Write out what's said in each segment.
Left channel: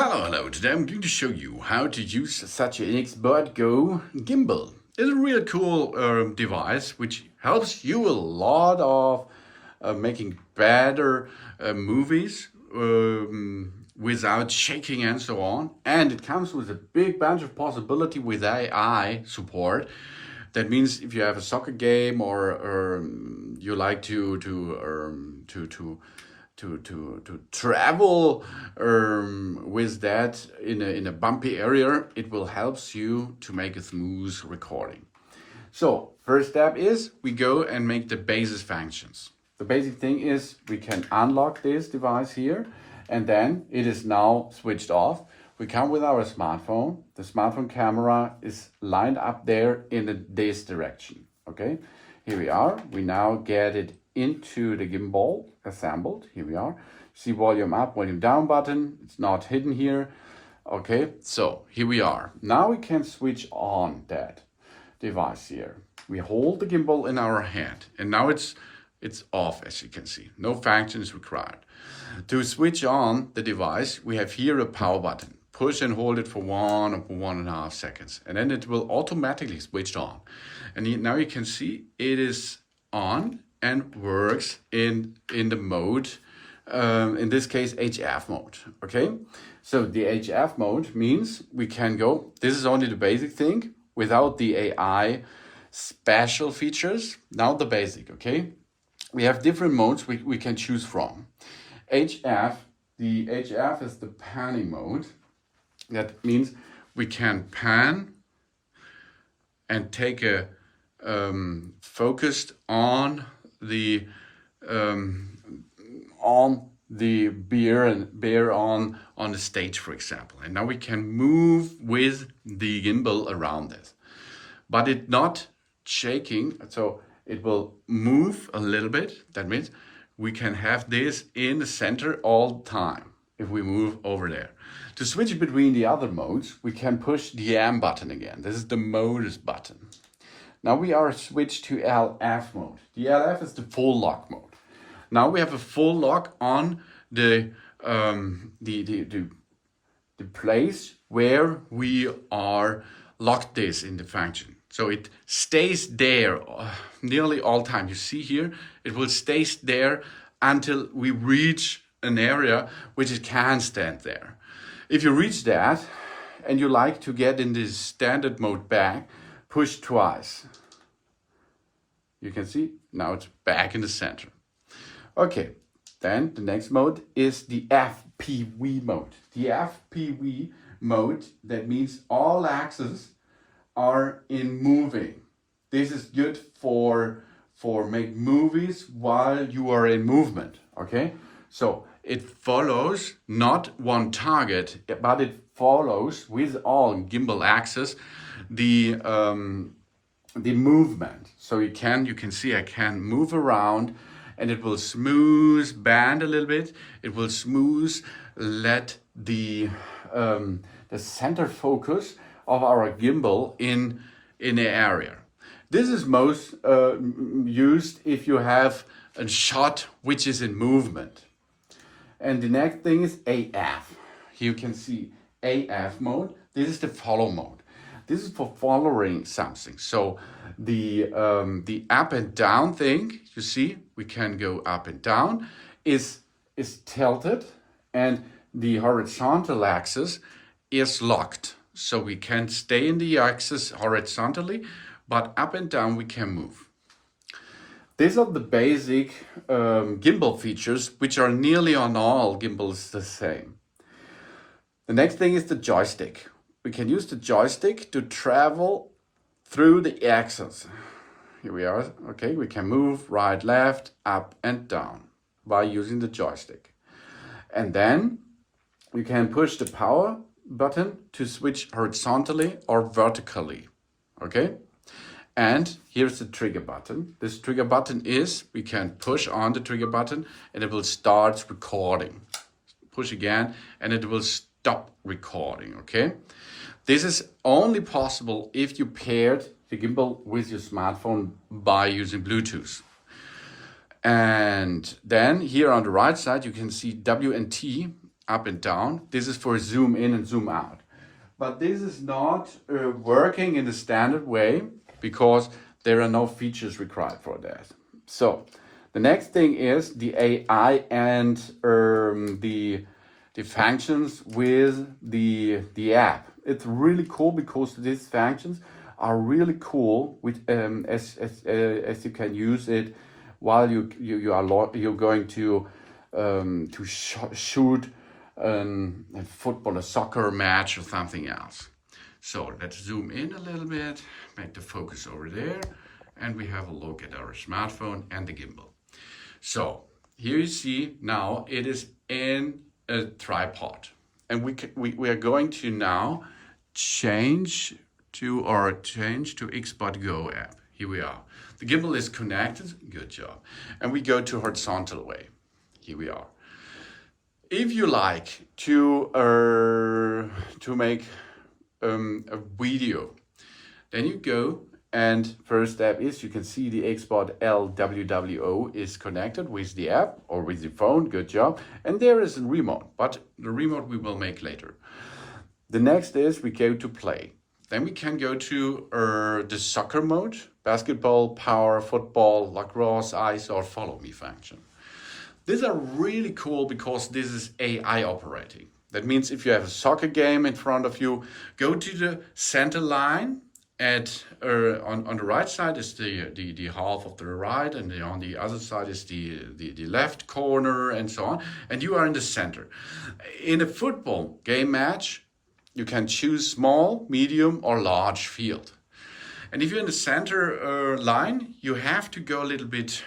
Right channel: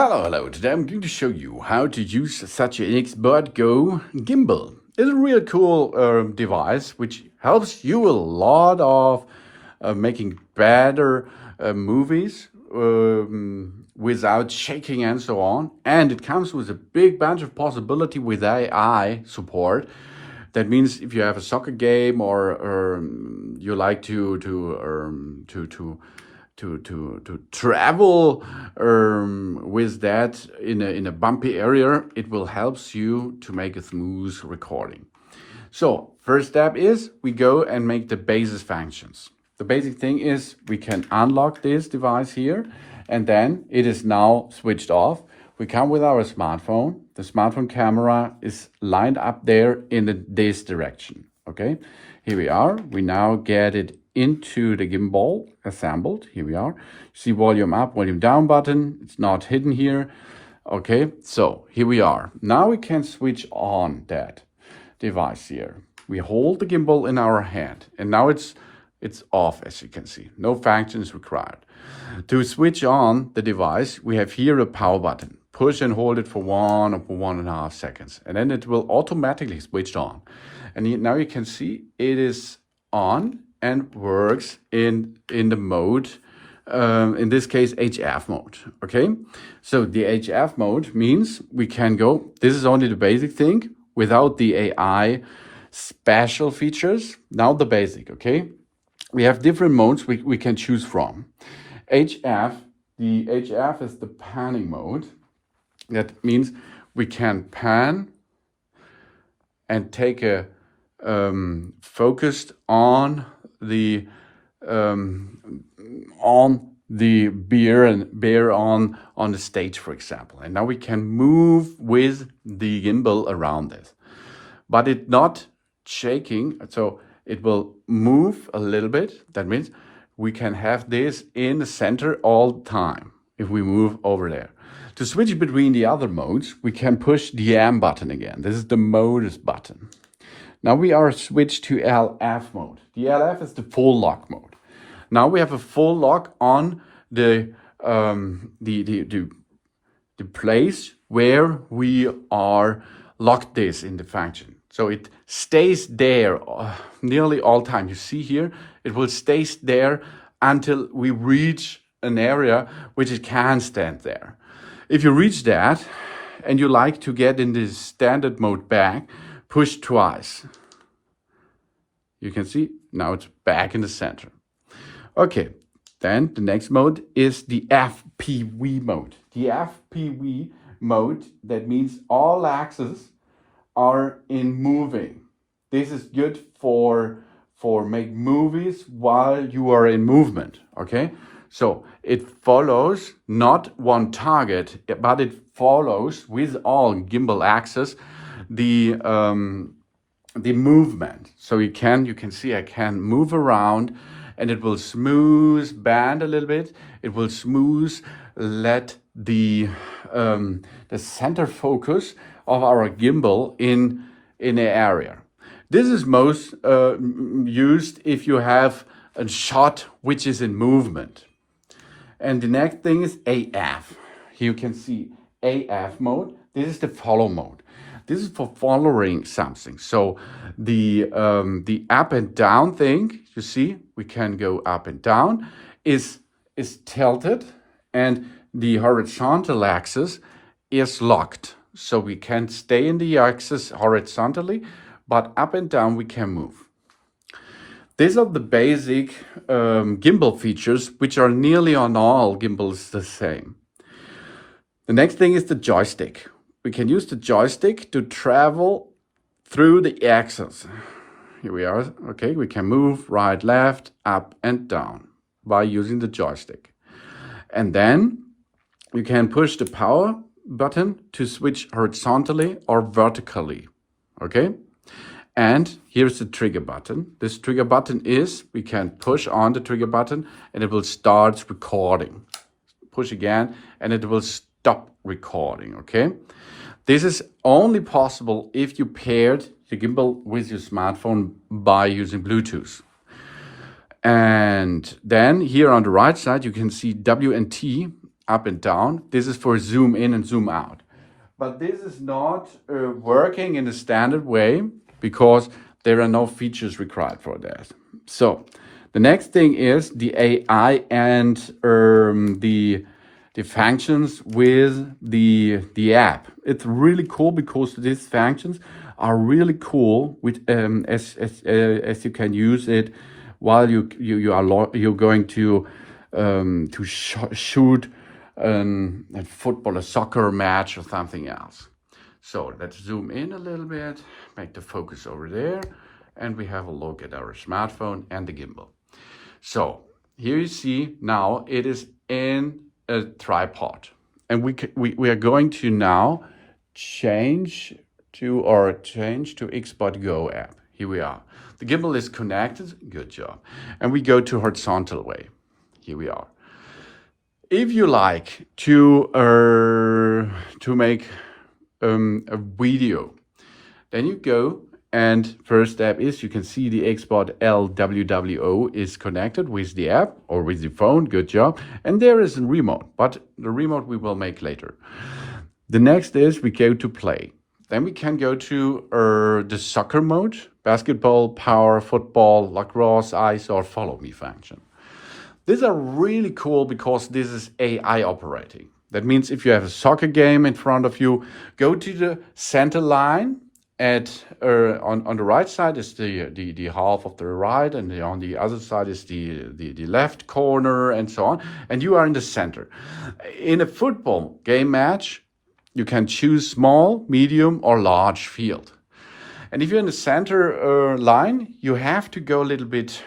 Hello. Today I'm going to show you how to use such an XbotGo Gimbal. It's a real cool device which helps you a lot of making better movies without shaking and so on. And it comes with a big bunch of possibility with AI support. That means if you have a soccer game or you like to travel with that in a bumpy area, it will help you to make a smooth recording. So first step is we go and make the basis functions. The basic thing is we can unlock this device here, and then it is now switched off. We come with our smartphone. The smartphone camera is lined up there in this direction. Okay, here we are. We now get it into the gimbal assembled. Here we are. See volume up, volume down button. It's not hidden here. Okay, so here we are. Now we can switch on that device here. We hold the gimbal in our hand, and now it's off, as you can see. No function is required. To switch on the device, we have here a power button. Push and hold it for 1 or 1.5 seconds, and then it will automatically switch on. And now you can see it is on and works in the mode, in this case HF mode. Okay, so the HF mode means we can go, this is only the basic thing without the AI special features. Now the basic, okay, we have different modes we can choose from. HF, the HF is the panning mode. That means we can pan and take a focused on the bear on the stage, for example. And now we can move with the gimbal around this, but it's not shaking, so it will move a little bit. That means we can have this in the center all the time if we move over there. To switch between the other modes, we can push the M button again. This is the modus button. Now we are switched to LF mode. The LF is the full lock mode. Now we have a full lock on the place where we are locked this in the function. So it stays there nearly all time. You see here, it will stay there until we reach an area which it can stand there. If you reach that and you like to get in this standard mode back, push twice. You can see now it's back in the center. Okay, then the next mode is the FPV mode. The FPV mode, that means all axes are in moving. This is good for make movies while you are in movement. Okay, so it follows not one target, but it follows with all gimbal axes the movement. So you can see I can move around, and it will smooth bend a little bit. It will smooth let the center focus of our gimbal in the area. This is most used if you have a shot which is in movement. And the next thing is AF. Here you can see AF mode. This is the follow mode. This is for following something. So the up and down thing, you see, we can go up and down, is tilted, and the horizontal axis is locked. So we can stay in the axis horizontally, but up and down we can move. These are the basic gimbal features, which are nearly on all gimbals the same. The next thing is the joystick. We can use the joystick to travel through the axis. Here we are. Okay, we can move right, left, up and down by using the joystick. And then you can push the power button to switch horizontally or vertically. Okay, and here's the trigger button. This trigger button is, we can push on the trigger button and it will start recording. Push again and it will stop recording. Okay, this is only possible if you paired the gimbal with your smartphone by using Bluetooth. And then here on the right side, you can see W and T up and down. This is for zoom in and zoom out. But this is not working in a standard way because there are no features required for that. So the next thing is the AI and the functions with the app. It's really cool because these functions are really cool with as you can use it while you're going to shoot a football, a soccer match or something else. So let's zoom in a little bit, make the focus over there, and we have a look at our smartphone and the gimbal. So here you see now it is in a tripod, and we are going to now change to XbotGo app. Here we are. The gimbal is connected. Good job. And we go to horizontal way. Here we are. If you like to make a video, then you go, and first step is you can see the XbotGo LWWO is connected with the app or with the phone. Good job. And there is a remote, but the remote we will make later. The next is we go to play. Then we can go to the soccer mode, basketball, power, football, lacrosse, ice, or follow me function. These are really cool because this is AI operating. That means if you have a soccer game in front of you, go to the center line. On the right side is the half of the right, and on the other side is the left corner, and so on. And you are in the center. In a football game match, you can choose small, medium, or large field. And if you're in the center line, you have to go a little bit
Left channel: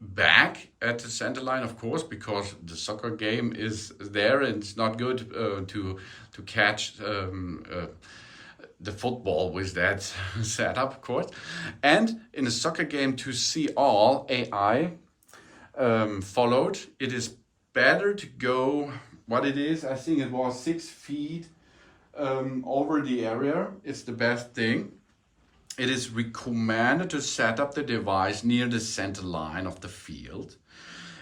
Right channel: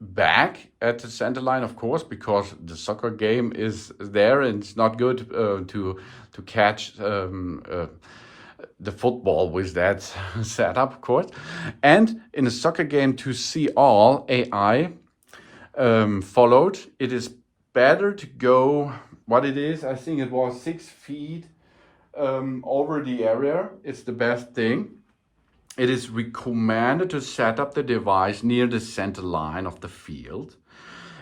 back at the center line, of course, because the soccer game is there, and it's not good to catch the football with that setup, of course. And in a soccer game, to see all AI followed, it is better to go, what it is, I think it was 6 feet over the area. It's the best thing. It is recommended to set up the device near the center line of the field.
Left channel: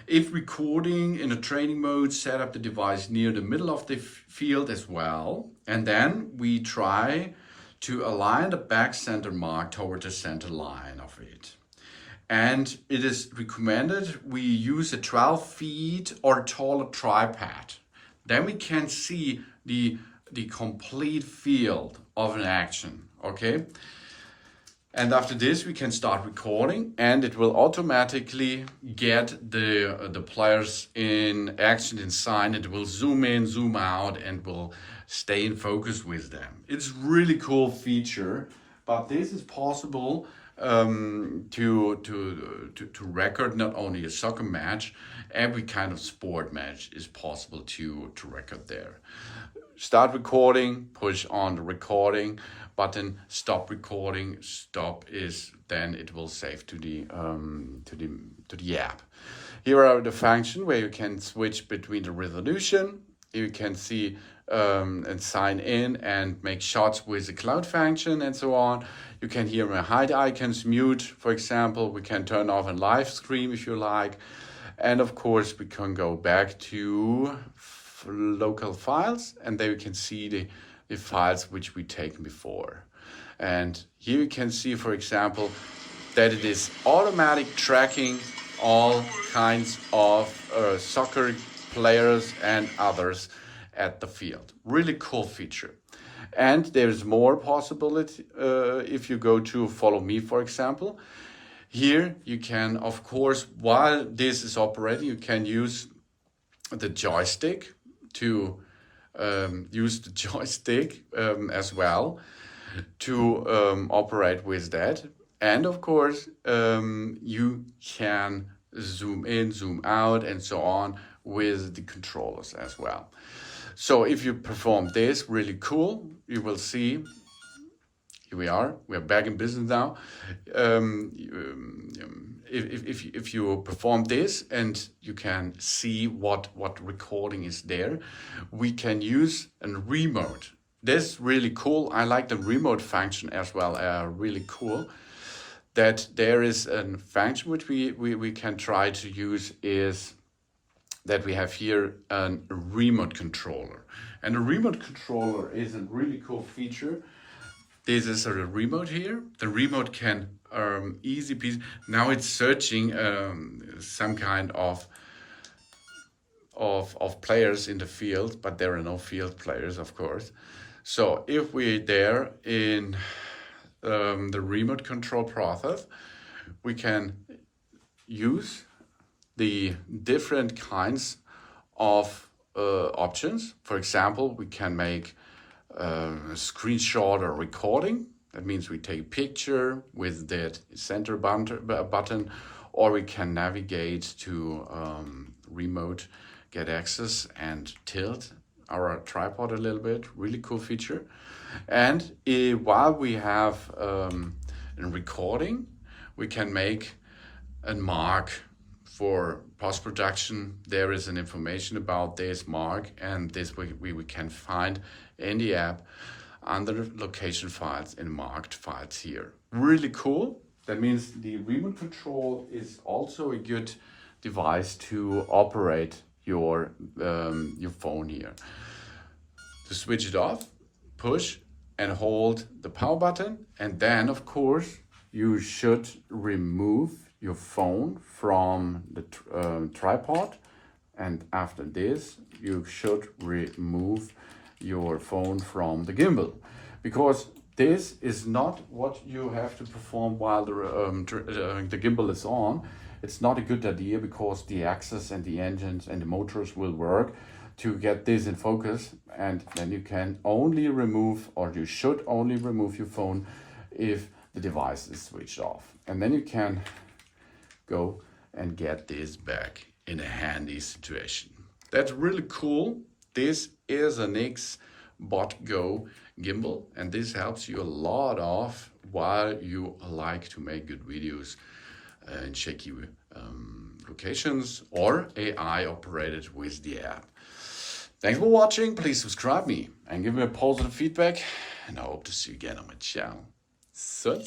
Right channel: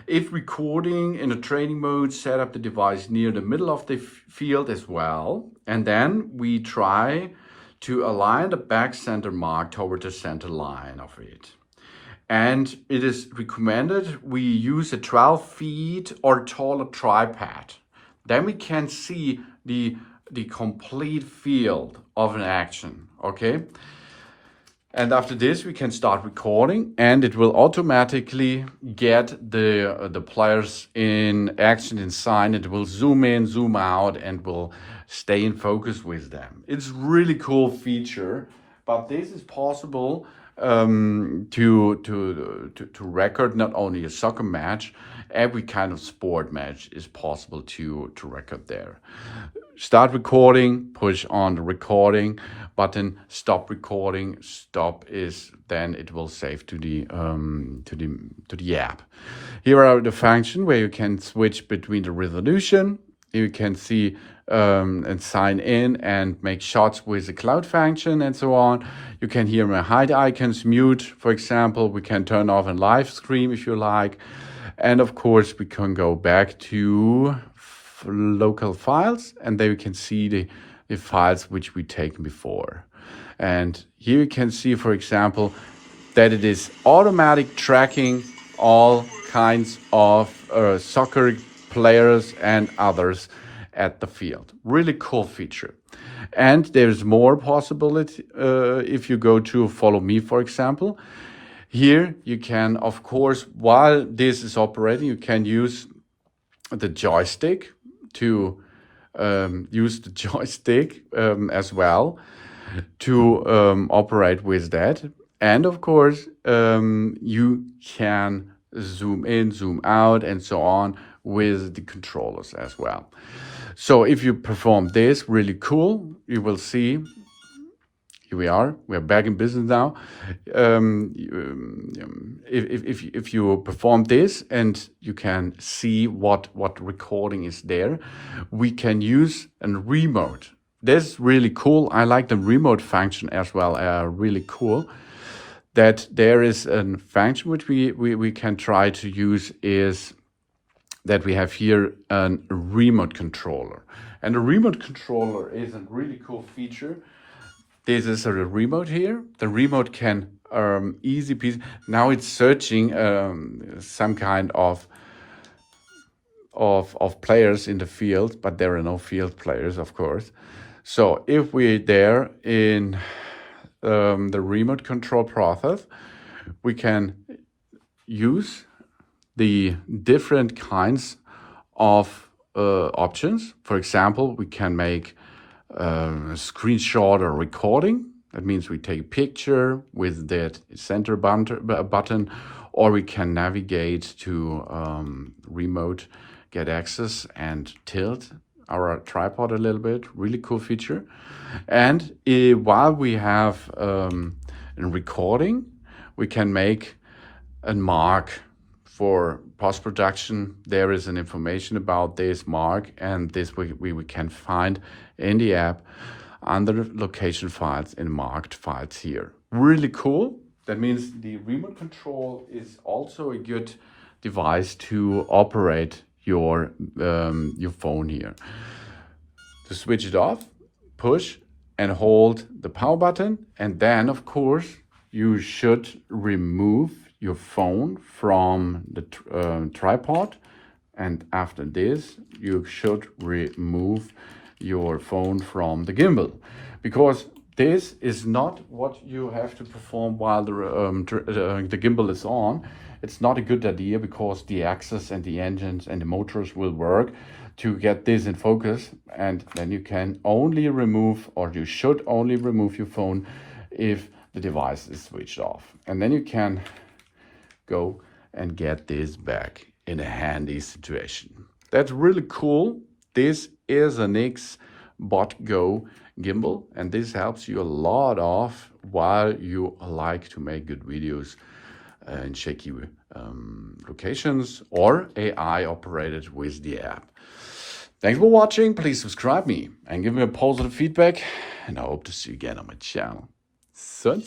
If recording in a training mode, set up the device near the middle of the field as well. And then we try to align the back center mark toward the center line of it. And it is recommended we use a 12 feet or taller tripod. Then we can see the complete field of an action, okay? And after this, we can start recording, and it will automatically get the players in action inside. It will zoom in, zoom out, and will stay in focus with them. It's really cool feature, but this is possible to record not only a soccer match, every kind of sport match is possible to record there. Start recording, push on the recording button, stop recording. Stop is then it will save to the app. Here are the function where you can switch between the resolution. You can see and sign in and make shots with the cloud function and so on. You can hear my hide icons, mute, for example. We can turn off and live stream if you like. And of course, we can go back to local files, and there you can see the files which we taken before. And here you can see, for example, that it is automatic tracking all kinds of soccer players and others at the field. Really cool feature. And there's more possibility if you go to follow me, for example. Here you can, of course, while this is operating, you can use the joystick to as well to operate with that. And of course, you can zoom in, zoom out, and so on with the controllers as well. So if you perform this, really cool, you will see, here we are, we're back in business now. If you perform this and you can see what recording is there, we can use a remote. That's really cool. I like the remote function as well, really cool. That there is a function which we can try to use is that we have here a remote controller. And the remote controller is a really cool feature. This is a remote here. The remote can easy piece. Now it's searching some kind of players in the field, but there are no field players, of course. So if we're there in the remote control process, we can use the different kinds of options. For example, we can make a screenshot or recording. That means we take a picture with that center button, or we can navigate to remote, get access and tilt our tripod a little bit. Really cool feature. And while we have a recording, we can make a mark for post-production. There is an information about this mark, and this we can find in the app under location files and marked files here. Really cool. That means the remote control is also a good device to operate your phone here. To switch it off, push and hold the power button, and then of course you should remove your phone from the tripod, and after this you should remove your phone from the gimbal, because this is not what you have to perform while the gimbal is on. It's not a good idea, because the axis and the engines and the motors will work to get this in focus, and then you can only remove, or you should only remove your phone if the device is switched off. And then you can go and get this back in a handy situation. That's really cool. This is an XbotGo gimbal, and this helps you a lot of while you like to make good videos in shaky locations or AI operated with the app. Thanks for watching. Please subscribe me and give me a positive feedback, and I hope to see you again on my channel. So.